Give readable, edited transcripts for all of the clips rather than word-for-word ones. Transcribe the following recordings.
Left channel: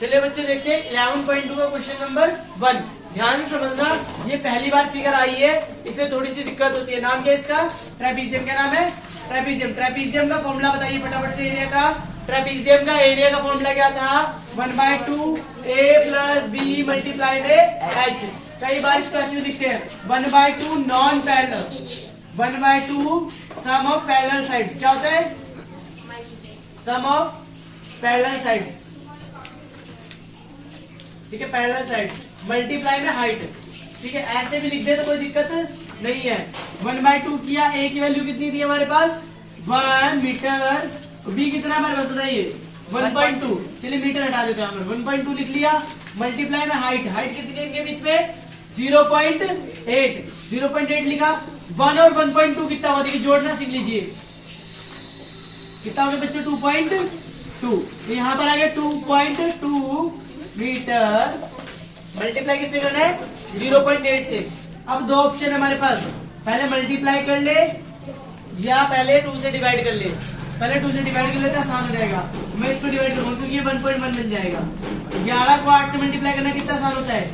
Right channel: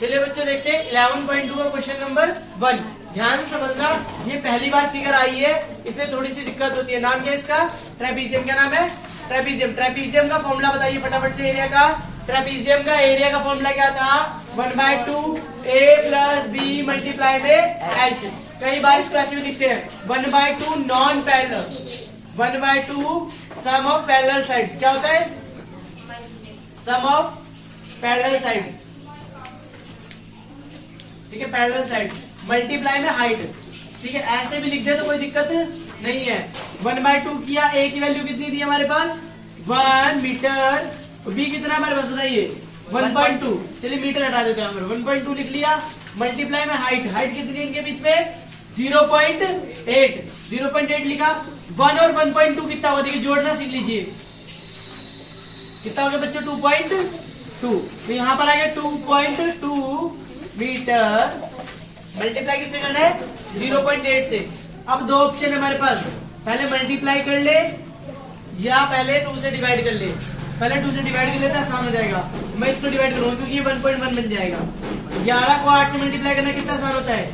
चलिए बच्चों देखते हैं 11.2 का क्वेश्चन नंबर 1। ध्यान से समझना, ये पहली बार फिगर आई है, इसमें थोड़ी सी दिक्कत होती है। नाम क्या है इसका? ट्रेपीजियम। क्या नाम है? ट्रेपीजियम। ट्रेपीजियम का फॉर्मूला बताइए फटाफट से एरिया का। ट्रेपीजियम का एरिया का फॉर्मूला क्या था? 1/2 a प्लस बी मल्टीप्लाई में एच। कई बार इसको ऐसे भी लिखते हैं 1/2 non parallel, 1/2 sum of parallel sides. क्या होता है? Sum of parallel sides. ठीक है, पैरेलल साइड मल्टीप्लाई में हाइट। ठीक है, ऐसे भी लिख दे तो कोई दिक्कत नहीं है। 1/2 किया, ए की वैल्यू कितनी थी हमारे पास? 1 मीटर। बी कितना हमारे पास बताइए? 1.2। चलिए मीटर हटा देते हैं, 1.2 लिख लिया। मल्टीप्लाई में हाइट, हाइट कितनी है इनके बीच में? 0.8। 0.8 लिखा। 1 और 1.2 कितना हुआ? देखिए जोड़ना सीख लीजिए। कितना हो गया बच्चों? 2.2। तो यहाँ पर आ गया 2.2 मीटर। मल्टीप्लाई किससे करना है? 0.8 से। अब दो ऑप्शन है हमारे पास, पहले मल्टीप्लाई कर ले या पहले 2 से डिवाइड कर ले। पहले 2 से डिवाइड कर लेते हैं, आसान हो जाएगा। मैं इसको डिवाइड करूंगा क्योंकि ये 1.1 बन जाएगा। 11 को 8 से मल्टीप्लाई करना कितना आसान होता है?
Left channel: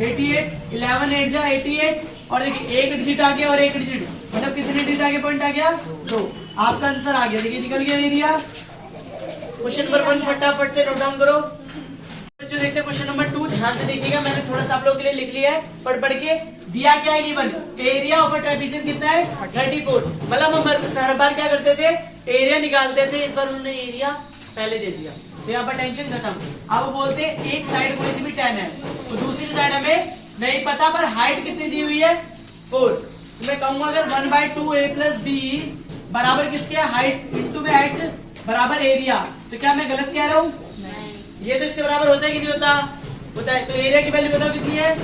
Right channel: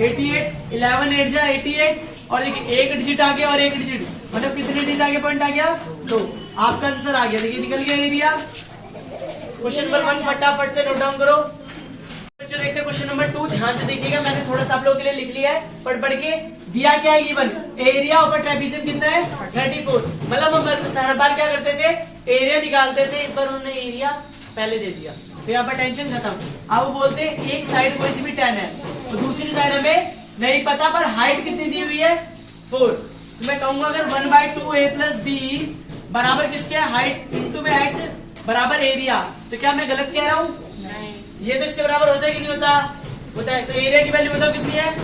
88। 11 8 जा 88। और देखिए एक डिजिट आ गया और एक डिजिट, मतलब कितने डिजिट आगे पॉइंट आ गया? 2। आपका आंसर आ गया। देखिए निकल गया एरिया। क्वेश्चन नंबर 1 फटाफट से नोट डाउन करो। बच्चों देखते हैं क्वेश्चन नंबर 2। ध्यान से देखिएगा, मैंने थोड़ा सा आप लोगों के लिए लिख लिया है, पढ़ के। दिया क्या है? Given area of a trapezium कितना है? 34। मतलब हम हर बार क्या करते थे? एरिया निकालते थे। इस बार उन्होंने एरिया पहले दे दिया, तो यहाँ पर टेंशन खत्म। अब वो बोलते हैं एक साइड कोई सी भी 10 है तो दूसरी साइड हमें नहीं पता, पर हाइट कितनी दी हुई है? 4। तो मैं कहूंगा अगर 1/2 a प्लस बी बराबर किसके? हाइट इंटू में एच बराबर एरिया। तो क्या मैं गलत कह रहा हूँ? ये तो इसके बराबर होता है कि नहीं होता? होता है। तो एरिया की वैल्यू बताओ कितनी है?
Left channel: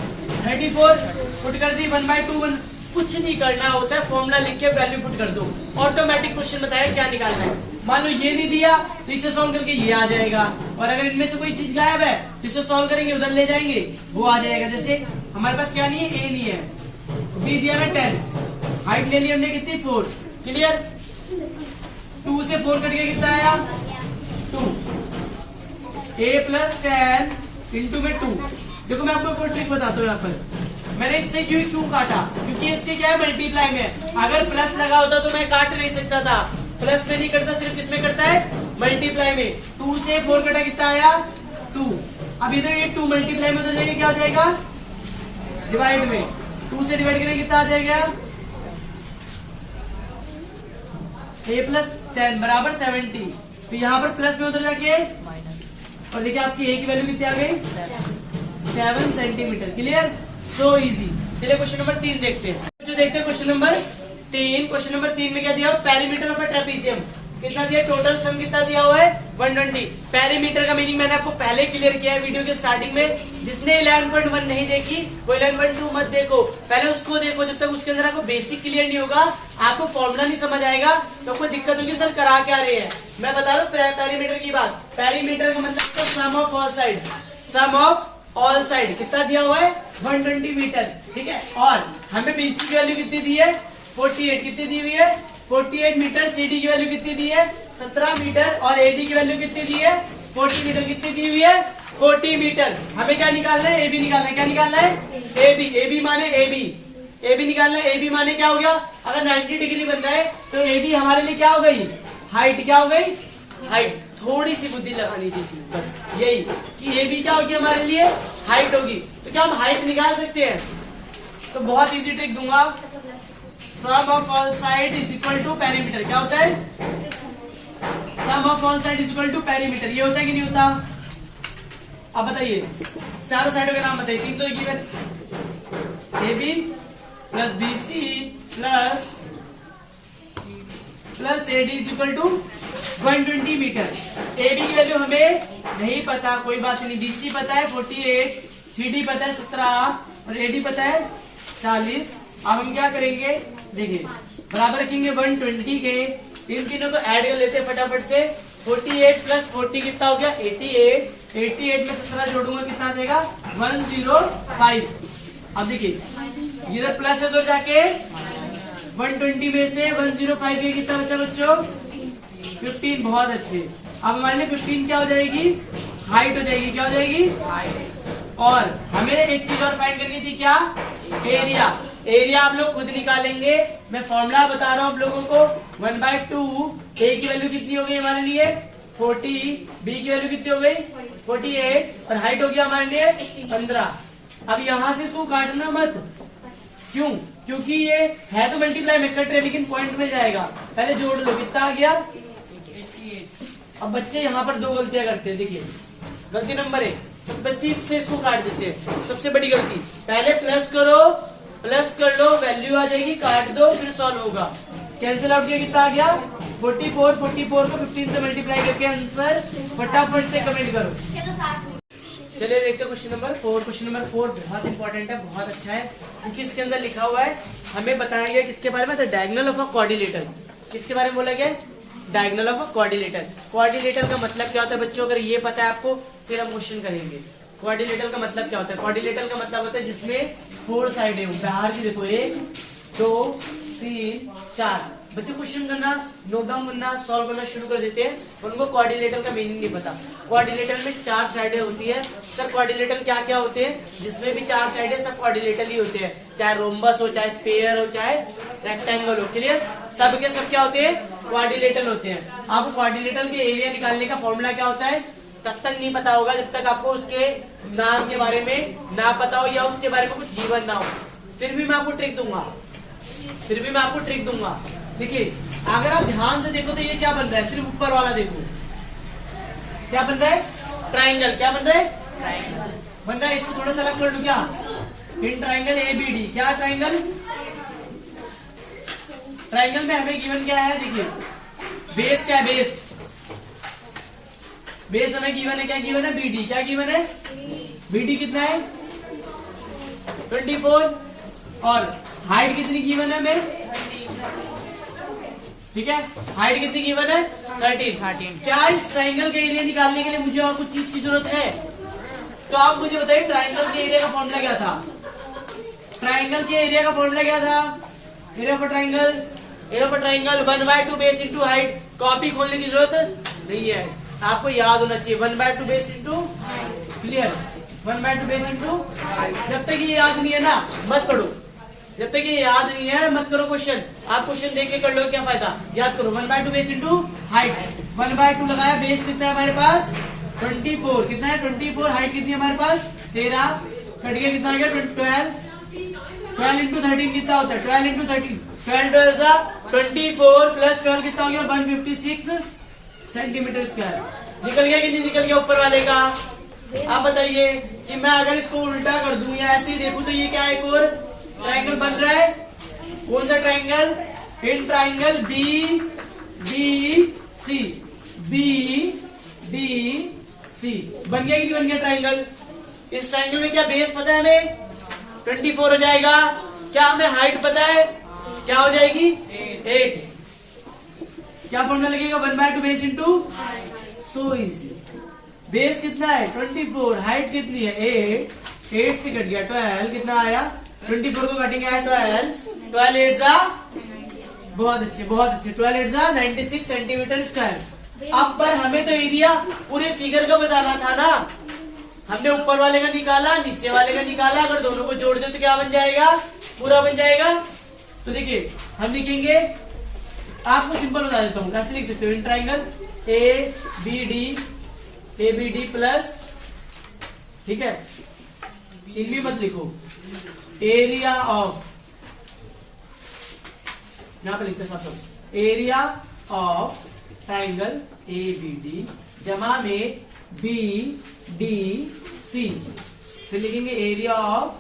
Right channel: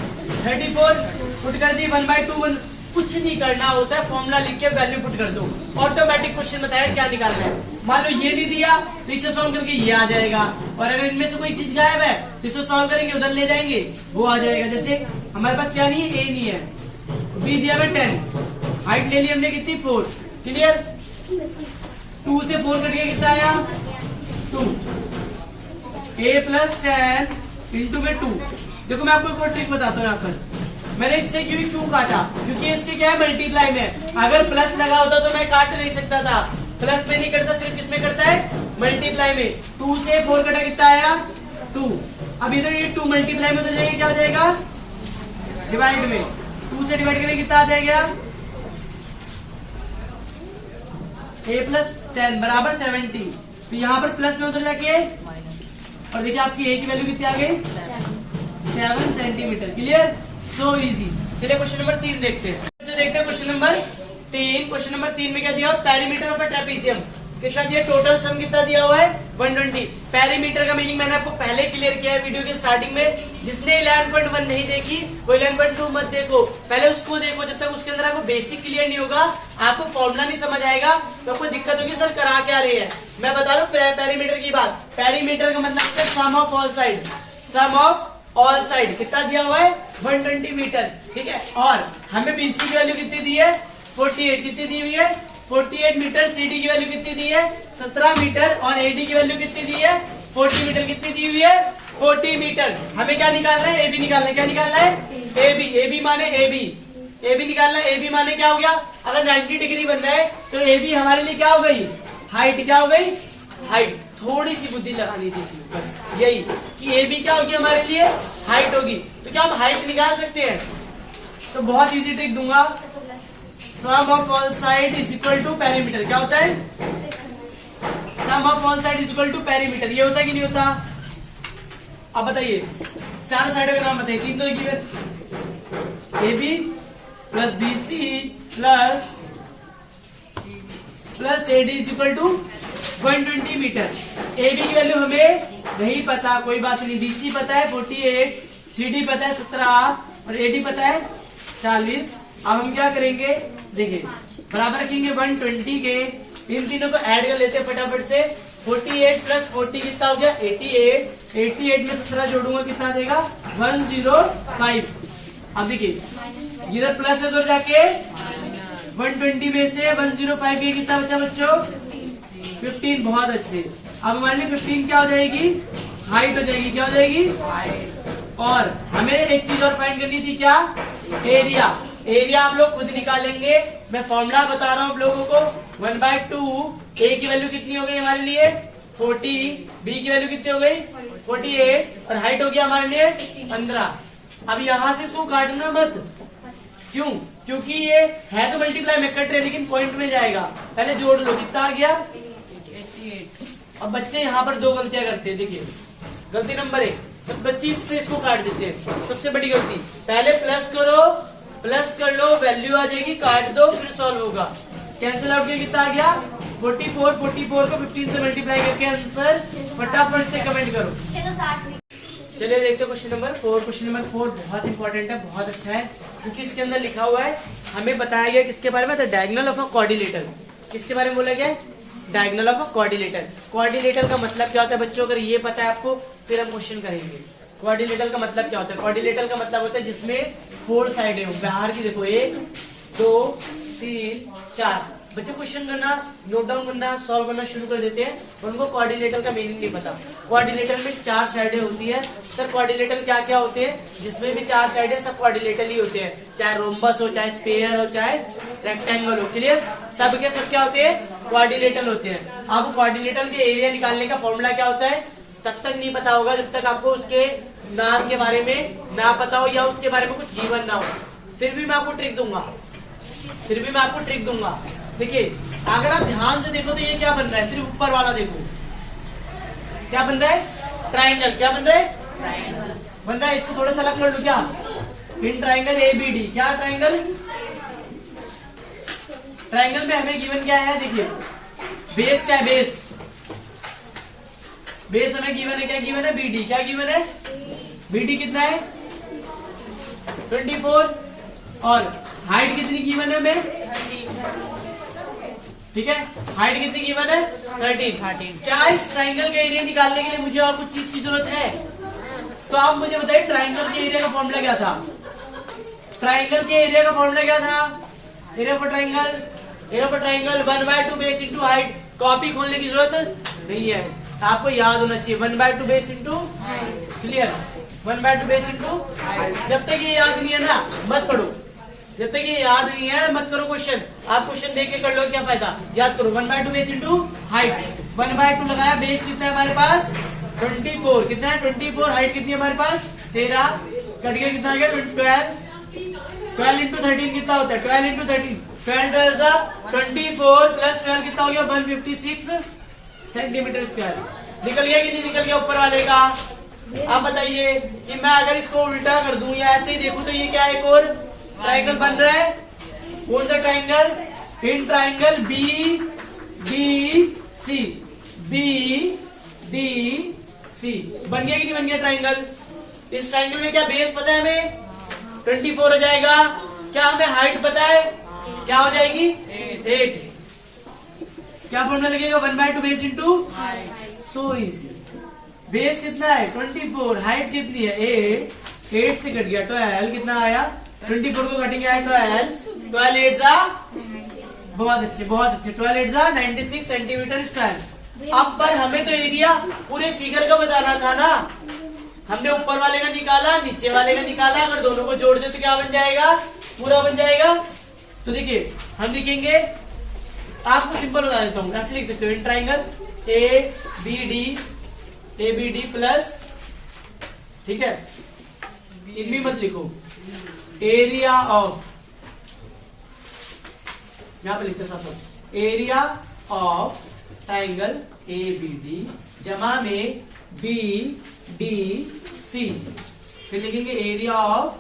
34। पुट कर दी 1/2। कुछ नहीं करना होता है, फॉर्मूला लिख के वैल्यू पुट कर दो, ऑटोमेटिक क्वेश्चन बताया क्या निकालना है। मान लो ये नहीं दिया तो इसे सॉल्व करके ये आ जाएगा, और अगर इनमें से कोई चीज गायब है तो इसे सॉल्व करेंगे, उधर ले जाएंगे, वो आ जाएगा। जैसे हमारे पास क्या नहीं है? ए नहीं है, बी दिया हमें 10, हाइट ले ली हमने कितनी? 4। क्लियर? 2 से 4 कट गया, कितना आया? 2। a प्लस 10 इंटू में 2। देखो मैं आपको एक ट्रिक बताता हूँ। यहाँ पर मैंने इससे क्यों काटा? क्योंकि इसके क्या है? मल्टीप्लाई में। अगर प्लस लगा होता तो मैं काट नहीं सकता था। प्लस में नहीं करता, सिर्फ किसमें करता है? मल्टीप्लाई में। 2 से 4 कटा, कितना आया? 2। अब इधर ये 2 मल्टीप्लाई में उधर जाएगा, क्या हो जाएगा? डिवाइड में। 2 से डिवाइड करेंगे कितना आ जाएगा? a प्लस 10 बराबर 70। तो यहाँ पर प्लस में उधर जाके, और देखिए आपकी a की वैल्यू कितनी आ गई? 7 सेंटीमीटर। क्लियर? So easy. चलिए क्वेश्चन नंबर 3 देखते हैं। जो देखते हैं क्वेश्चन नंबर 3। क्वेश्चन नंबर 3 में क्या दिया? पेरीमीटर ऑफ अ ट्रेपीजियम कितना दिया? टोटल सम कितना दिया हुआ है? 120। पेरीमीटर का मीनिंग मैंने आपको पहले क्लियर किया है वीडियो के स्टार्टिंग में। जिसने 11.1 नहीं देखी वो 11.2 मत देखो, पहले उसको देखो। जब तक उसके अंदर आपको बेसिक क्लियर नहीं होगा, आपको फॉर्मूला नहीं समझ आएगा, तो कोई दिक्कत होगी। सर करा क्या रहे हैं? मैं बता रहा हूँ पेरीमीटर की बात। पेरीमीटर का मतलब है sum of all side. Sum of all side कितना दिया हुआ है? 120 मीटर। ठीक है, और हमें बीसी की वैल्यू कितनी दी है? 48। कितनी दी हुई है? 48 मीटर। सीडी की वैल्यू कितनी दी है? 17 मीटर। और एडी की वैल्यू कितनी दी है? 40 मीटर। कितनी दी हुई है? 40 मीटर। हमें क्या निकालना है? एबी निकालना है। क्या निकालना है? एबी। एबी माने एबी। एबी निकालना है। एबी माने क्या हो गया? अगर 90 डिग्री बन रहा है तो एबी हमारे लिए क्या हो गई? हाइट। क्या हो गई? हाइट। थोड़ी सी बुद्धि लगानी थी बस यही कि ए बी क्या होगी हमारे लिए? हाइट होगी। तो क्या हम हाइट निकाल सकते हैं? तो बहुत इजी ट्रिक दूंगा। Sum of all side is equal to perimeter. क्या होता है? Sum of all side is equal to perimeter. ये होता है कि नहीं होता? अब बताइए, चारों साइडों के नाम बताइए। 3 तो equal A B plus B C plus A D is equal to 120 meter. A B की वैल्यू हमें नहीं पता, कोई बात नहीं। बीसी पता है 48, सीडी पता है 17 और एडी पता है 40। अब हम क्या करेंगे? देखिए बराबर रखेंगे 120 के। इन तीनों को ऐड कर लेते हैं फटाफट से। 48 प्लस 40 कितना हो गया? 88। 88 में 17 जोड़ूंगा, कितना आ जाएगा? 105। अब देखिए इधर प्लस है तो जाके 120 में से 105 के कितना बचा बच्चों? 15। बहुत अच्छे। अब हमारे लिए 15 क्या हो जाएगी? हाइट हो जाएगी। क्या हो जाएगी? और हमें एक चीज और फाइंड करनी थी, क्या? एरिया। एरिया आप लोग खुद निकालेंगे, मैं फॉर्मूला बता रहा हूँ आप लोगों को। 1/2 ए की वैल्यू कितनी हो गई हमारे लिए? 40। बी की वैल्यू कितनी हो गई? 48। और हाइट हो गया हमारे लिए 15। अब यहां से इसको काटना मत। क्यों? क्योंकि ये है तो मल्टीप्लाई में कट रहे, लेकिन पॉइंट में जाएगा। पहले जोड़ लो, कितना आ गया? अब बच्चे यहाँ पर दो गलतियां करते हैं। देखिए, गलती नंबर 1, सब बच्चे इससे इसको काट देते हैं। सबसे बड़ी गलती, पहले प्लस करो, प्लस कर लो, वैल्यू आ जाएगी, काट दो, फिर सॉल्व होगा। कैंसिल आउट किया, कितना आ गया? 44। 44 को 15 से मल्टीप्लाई करके आंसर फटाफट से कमेंट करो। चलिए देखते हैं क्वेश्चन नंबर 4। क्वेश्चन नंबर 4 बहुत इंपॉर्टेंट है, बहुत अच्छा है, क्योंकि इसके अंदर लिखा हुआ है, हमें बताया गया किसके बारे में? The diagonal of a quadrilateral. किसके बारे में बोला गया? Diagonal of a quadrilateral. Quadrilateral का मतलब क्या होता है बच्चों? अगर ये पता है आपको, फिर हम क्वेश्चन करेंगे। क्वाड्रिलेटरल का मतलब क्या होता है? क्वाड्रिलेटरल का मतलब होता है जिसमें 4 साइडें हों। बाहर की देखो, 1 2 3 4। बच्चे क्वेश्चन करना, नोट डाउन करना, सॉल्व करना शुरू कर देते हैं, उनको क्वाड्रिलेटरल का मीनिंग नहीं पता। क्वाड्रिलेटरल में 4 साइडें होती है। सर क्वाड्रिलेटरल क्या क्या होते हैं? जिसमें भी 4 साइडें, सब क्वाड्रिलेटरल ही होते हैं। चाहे रोम्बस हो, चाहे स्फीयर हो, चाहे रेक्टेंगल हो। क्लियर? सब के सब क्या होते हैं? क्वाड्रिलेटरल होते हैं। आपको क्वाड्रिलेटरल के एरिया निकालने का फॉर्मूला क्या होता है तब तक नहीं पता होगा, जब तक आपको उसके नाम के बारे में ना पता हो, या उसके बारे में कुछ गिवन ना हो। फिर भी मैं आपको ट्रिक दूंगा, देखिए, अगर आप ध्यान से देखो तो ये क्या बन रहा है? सिर्फ ऊपर वाला देखो, क्या बन रहा है? ट्राइंगल। क्या बन रहा है? बन रहा है। इसको थोड़ा सा अलग कर लूं क्या? In triangle ABD। क्या ट्राइंगल? ट्राइंगल में हमें गिवन क्या है? देखिए, बेस क्या है? बेस हमें गिवन है, क्या गिवन है? BD। क्या गिवन है? BD कितना है? 24। और हाइट कितनी गिवन है हमें? ठीक है, हाइट कितनी गिवन है? 13। क्या इस ट्राइंगल के एरिया निकालने के लिए मुझे और कुछ चीज की जरूरत है? तो आप मुझे बताइए, ट्राइंगल के एरिया का फॉर्मूला क्या था? ट्राइंगल के एरिया का फॉर्मूला क्या था? Area for triangle 1/2 base into height. Copy खोलने की जरूरत नहीं है, आपको याद होना चाहिए। 1/2 base into, clear? 1/2 base into. जब तक ये याद नहीं है ना, मत पढ़ो। जब तक ये याद नहीं है, मत करो क्वेश्चन। आप क्वेश्चन देख के कर लो, क्या फायदा? याद करो। 1/2 बेस इंटू हाइट। 1/2 लगाया, बेस कितना है हमारे पास? 24। कितना है? 24। हाइट कितनी है हमारे पास? 13। कट गया, कितना आ गया? 12 इंटू 13 कितना होता है? 12 इंटू 13, 12 24 प्लस 12 कितना हो गया? 156 सेंटीमीटर स्क्वायर। निकल गया कि नहीं निकल गया ऊपर वाले का? आप बताइए कि मैं अगर इसको उल्टा कर दूं या ऐसे ही देखूं तो ये क्या है? एक और ट्राइंगल बन रहा है। कौन सा ट्राइंगल? In triangle BDC। बन गया कि नहीं बन गया ट्राइंगल? इस ट्राइंगल में क्या बेस पता है हमें? 24 हो जाएगा। क्या हमें हाइट पता है? क्या हो जाएगी? 8। क्या फॉर्मूला लगेगा? 1/2 base into. So easy. Base कितना है? 24। हाइट कितनी है? 8 से कट गया 12। कितना आया? 24 को काटेंगे, आया 12 8 जा, बहुत अच्छे 12 8 जा 96 सेंटीमीटर स्क्वायर। अब पर हमें तो एरिया पूरे फिगर का बताना था ना। हमने ऊपर वाले का निकाला, नीचे वाले का निकाला, अगर दोनों को जोड़ दे तो क्या बन जाएगा? पूरा बन जाएगा। तो देखिए, हम लिखेंगे, आपको सिंपल बता देता हूँ, ऐसे लिख सकते हो। इन ट्राइंगल ABD प्लस, ठीक है, इनमें मत लिखो, एरिया ऑफ, यहां पर लिखते सब एरिया ऑफ ट्राइंगल ABD जमा में BDC। फिर लिखेंगे एरिया ऑफ,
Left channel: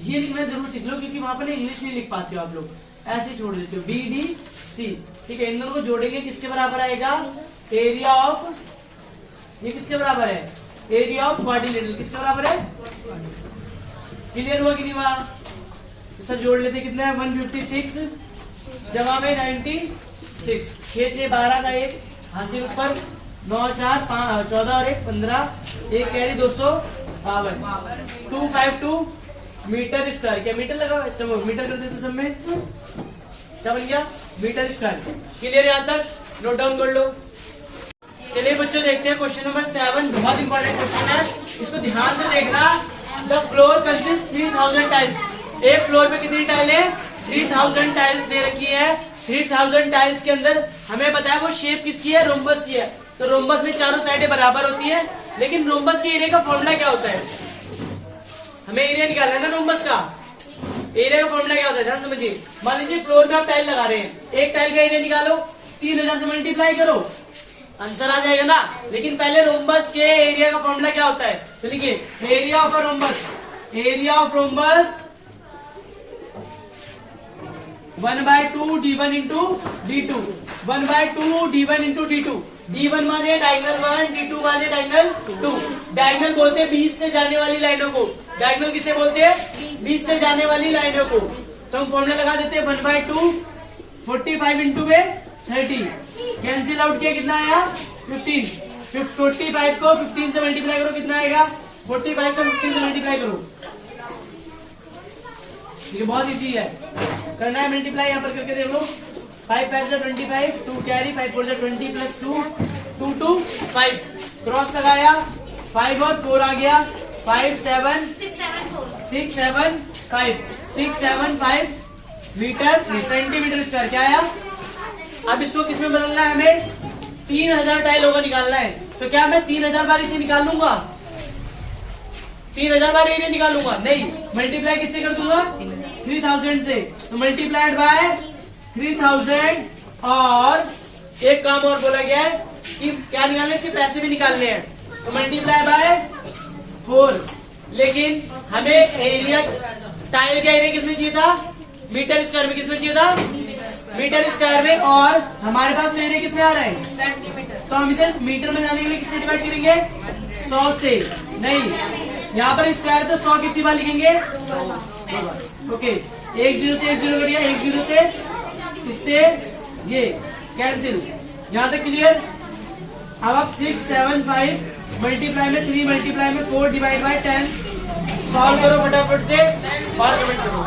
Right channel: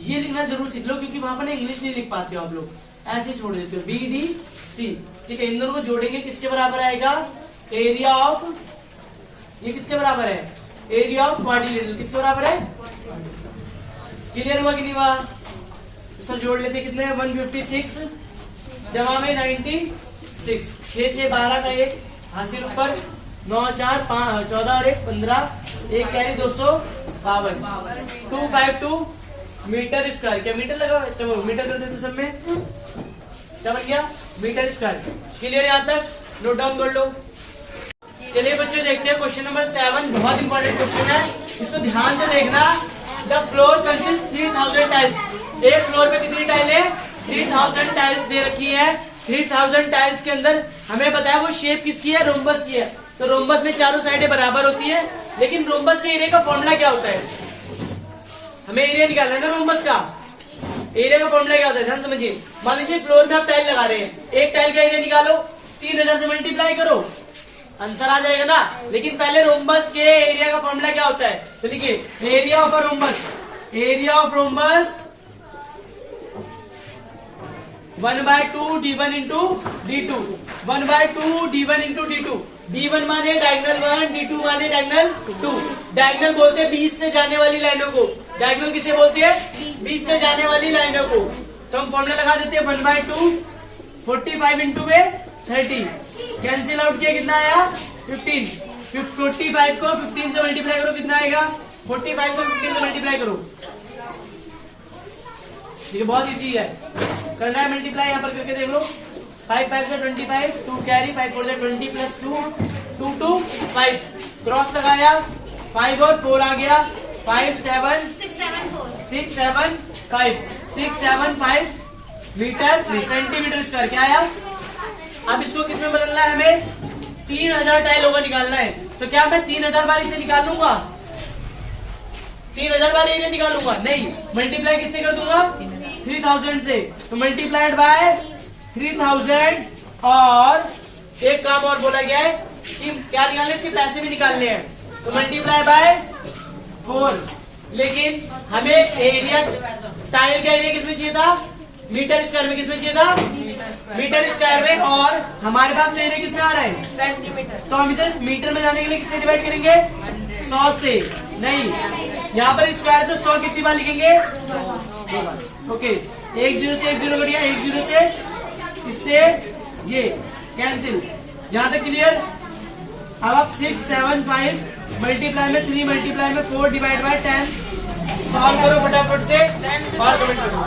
ये लिखना जरूर सीख लो क्योंकि वहां पर ना इंग्लिश नहीं लिख पाते हो आप लोग, ऐसे छोड़ देते हो। BDC, ठीक है। इन दोनों को जोड़ेंगे, किसके बराबर आएगा? एरिया ऑफ, ये किसके बराबर है? Area of quadrilateral. किसके बराबर है? क्लियर हुआ कि नहीं हुआ? तो सर जोड़ लेते, कितने है? 156 जमा में 96, 6 6 12 का 1 हासिल ऊपर, 9 4 5 14 और 1 15, 1 कैरी 252, 252 मीटर स्क्वायर। क्या मीटर लगा? चलो मीटर कर देते सब में, क्या बन गया? Meter square. क्लियर? यहां तक नोट डाउन कर लो। चलिए बच्चों देखते हैं क्वेश्चन नंबर 7। बहुत इंपॉर्टेंट क्वेश्चन है, इसको ध्यान से देखना। The floor consist 3000 tiles. एक फ्लोर पे कितनी टाइल है? 3000 टाइल्स दे रखी है। 3000 टाइल्स के अंदर हमें बताया वो शेप किसकी है? रोम्बस की है। तो रोम्बस में चारों साइडें बराबर होती है, लेकिन रोम्बस के एरिया का फॉर्मूला क्या होता है? हमें एरिया निकालना है ना रोम्बस का। एरिया का फॉर्मूला क्या होता है? ध्यान समझिए। मान लीजिए फ्लोर में आप टाइल लगा रहे हैं, एक टाइल का एरिया निकालो, 3000 से मल्टीप्लाई करो, आंसर आ जाएगा ना। लेकिन पहले रोम्बस के एरिया का फॉर्मूला क्या होता है? तो देखिए area of rhombus, area of rhombus 1/2 d1 into d2, 1/2 d1 into d2। d1 माने डायगनल 1, d2 माने डायगनल 2। डायगनल बोलते हैं 20 से जाने वाली लाइनों को। डायगनल किसे बोलते हैं? 20 से जाने वाली लाइनों को। तो हम फॉर्मूला लगा देते हैं 1/2, 45 इंटू में 30, कैंसिल आउट किया, कितना आया? 15। 45 को 15 से मल्टीप्लाई करो, कितना आएगा? 45 को 15 से मल्टीप्लाई करो। ये बहुत इजी है, करना है मल्टीप्लाई। यहाँ पर करके देख लो। 5 5 से 25, 2 कैरी, 5 4 से 20 प्लस 2, 2 2 5, क्रॉस लगाया, 5 और 4 आ गया, 5 7 6 7 5 6 7 5 मीटर सेंटीमीटर स्क्वायर। क्या आया? अब इसको किसमें बदलना है? हमें 3000 टाइलों का निकालना है। तो क्या मैं 3000 बार इसे निकाल लूंगा? 3000 बार एरिया निकालूंगा? नहीं, मल्टीप्लाई किससे कर दूंगा? 3000 से। तो मल्टीप्लाइड बाय 3000। और एक काम और बोला गया है कि क्या निकालने? इसके पैसे भी निकालने हैं। तो मल्टीप्लाई बाय 4। लेकिन हमें एरिया, टाइल का एरिया किसमें चाहिए था? मीटर स्क्वायर में। किसमें चाहिए था? मीटर स्क्वायर में। और हमारे पास तो एरिया किसमें आ रहा है? सेंटीमीटर। तो हम इसे मीटर में जाने के लिए किससे डिवाइड करेंगे? 100 से। नहीं, यहाँ पर स्क्वायर तो 100 कितनी बार लिखेंगे? ओके, 1 0 से 1 0 कट गया, 1 0 से इससे ये कैंसिल। यहाँ तक क्लियर? अब आप 6 7 5 मल्टीप्लाई में 3 मल्टीप्लाई में 4 डिवाइड बाय 10 सॉल्व करो फटाफट से और कमेंट करो।